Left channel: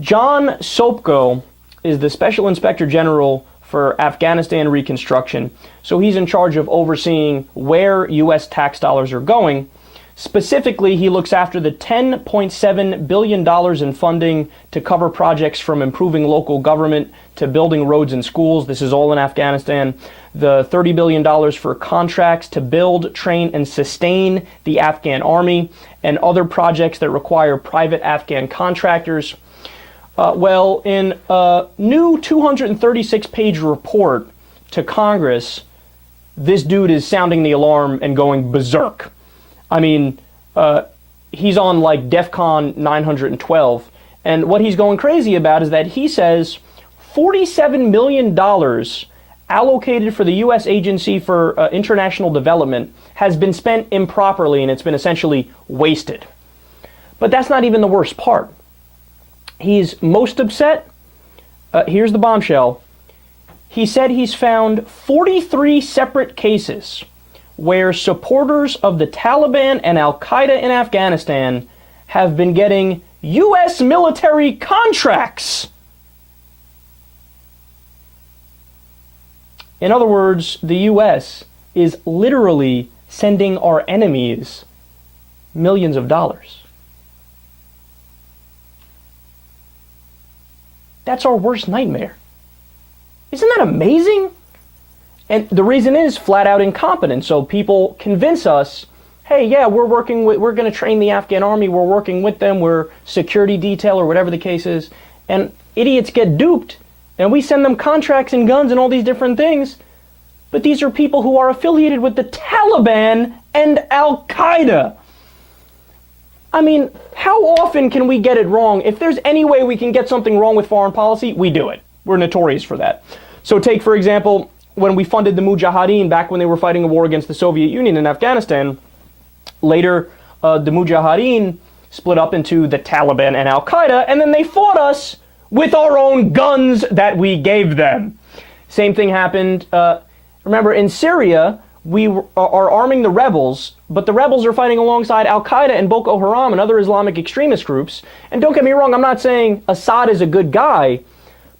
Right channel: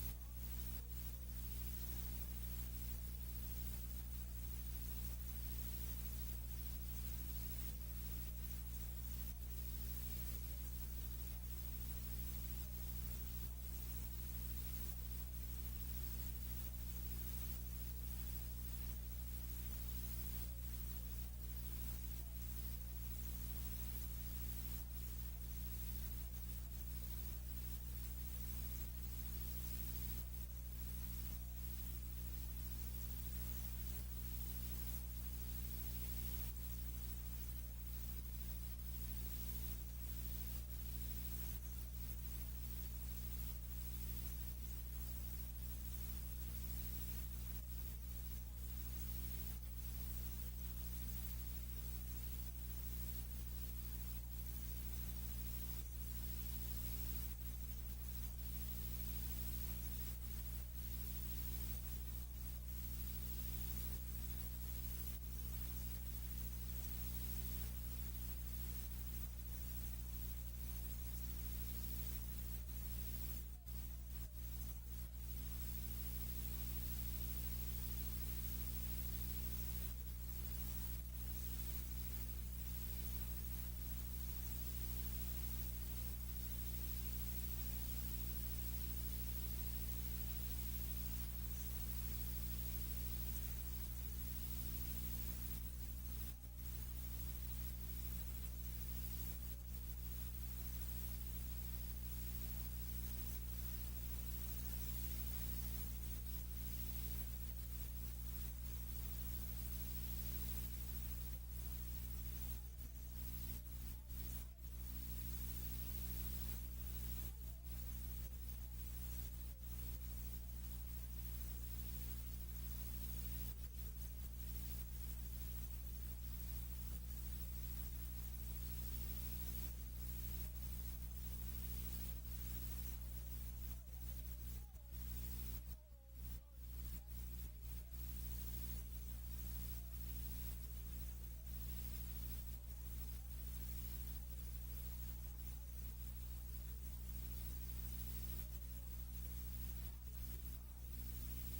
John Sopko is the Special Inspector General for Afghanistan reconstruction, so he's in charge of overseeing where U.S. tax dollars are going. Specifically, he looks after the $10.7 billion in funding to cover projects from improving local government to building roads and schools. This is all in Afghanistan. The $30 billion for contracts to build, train, and sustain the Afghan army, and other projects that require private Afghan contractors. Well, in a new 236-page report to Congress, this dude is sounding the alarm and going berserk. I mean, he's on like DEFCON 912, and what he's going crazy about is that he says $47 million allocated for the U.S. Agency for International Development has been spent improperly, and it's been essentially wasted. But that's not even the worst part. He's most upset. Here's the bombshell. He said he's found 43 separate cases where supporters of the Taliban and Al-Qaeda in Afghanistan have been getting U.S. military contracts. In other words, the U.S. is literally sending our enemies millions of dollars. That's our worst nightmare. Isn't that amazing? And the reason is flat out incompetence. So people convince us, hey, yeah, we're going to train the Afghan army, we're working with them, we're security detail or whatever the case is. And idiots get duped, and we send them contracts and guns and all these different things. But these are people who are affiliated with the Taliban and Al-Qaeda. I mean, how often can we get it wrong? If there's any way we can get something wrong with foreign policy, we do it. We're notorious for that. So take, for example, when we funded the Mujahideen back when they were fighting a war against the Soviet Union in Afghanistan. Later, the Mujahideen split up into the Taliban and Al-Qaeda, and then they fought us with our own guns that we gave them. Same thing happened, remember, in Syria, we are arming the rebels, but the rebels are fighting alongside Al-Qaeda and Boko Haram and other Islamic extremist groups. And don't get me wrong, I'm not saying Assad is a good guy,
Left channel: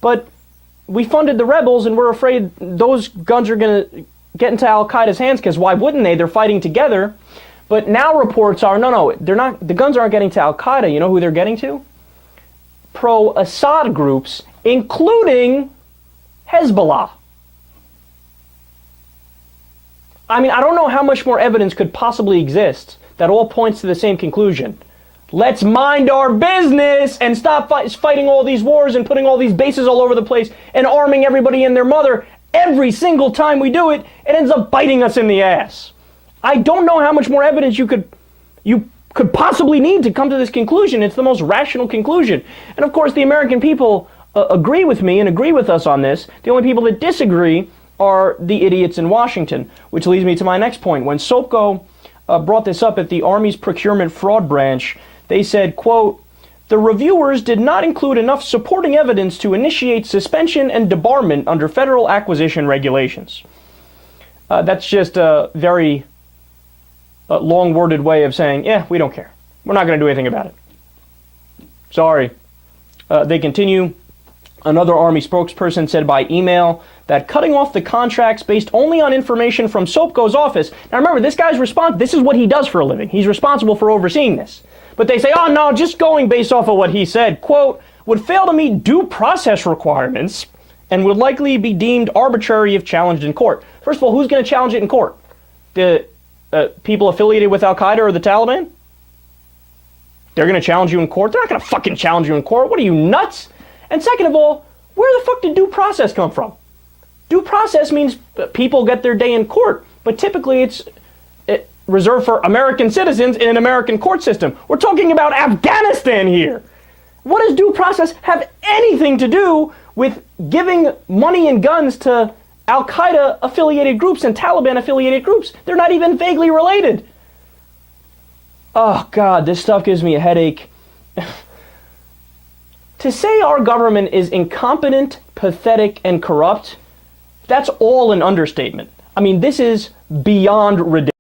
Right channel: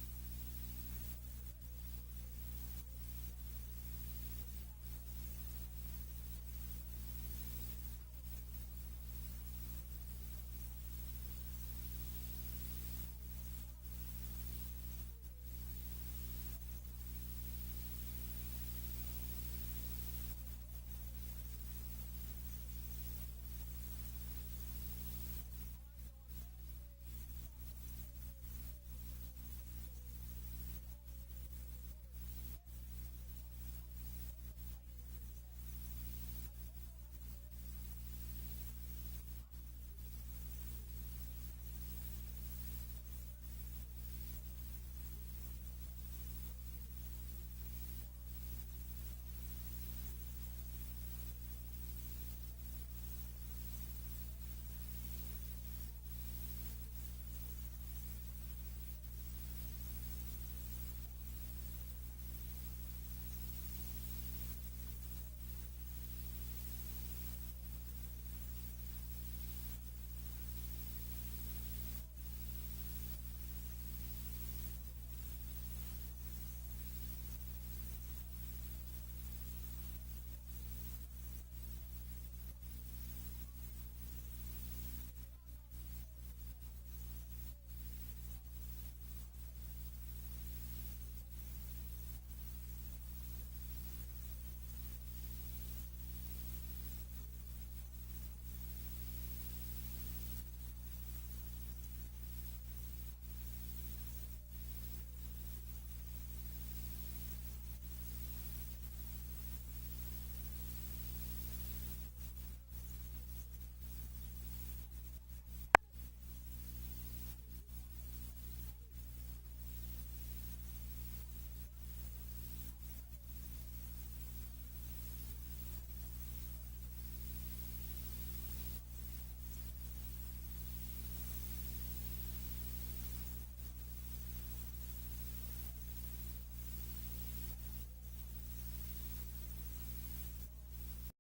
but we funded the rebels, and we're afraid those guns are going to get into Al-Qaeda's hands, because why wouldn't they? They're fighting together. But now reports are, no, they're not. The guns aren't getting to Al-Qaeda. You know who they're getting to? Pro-Assad groups, including Hezbollah. I mean, I don't know how much more evidence could possibly exist that all points to the same conclusion. Let's mind our business and stop fighting all these wars and putting all these bases all over the place and arming everybody and their mother. Every single time we do it, it ends up biting us in the ass. I don't know how much more evidence you could possibly need to come to this conclusion. It's the most rational conclusion. And of course, the American people agree with me and agree with us on this. The only people that disagree are the idiots in Washington, which leads me to my next point. When Sopko brought this up at the Army's procurement fraud branch, they said, quote, "The reviewers did not include enough supporting evidence to initiate suspension and debarment under federal acquisition regulations." That's just a very long-worded way of saying, yeah, we don't care. We're not going to do anything about it. Sorry. They continue. Another Army spokesperson said by email that cutting off the contracts based only on information from Sopko's office. Now remember, this guy's this is what he does for a living. He's responsible for overseeing this. But they say, oh no, just going based off of what he said, quote, would fail to meet due process requirements and would likely be deemed arbitrary if challenged in court. First of all, who's going to challenge it in court? The people affiliated with Al-Qaeda or the Taliban? They're going to challenge you in court? They're not going to fucking challenge you in court. What are you, nuts? And second of all, where the fuck did due process come from? Due process means people get their day in court, but typically it's reserved for American citizens in an American court system. We're talking about Afghanistan here. What does due process have anything to do with giving money and guns to Al-Qaeda affiliated groups and Taliban affiliated groups? They're not even vaguely related. Oh God, this stuff gives me a headache. To say our government is incompetent, pathetic, and corrupt, that's all an understatement. I mean, this is beyond ridiculous.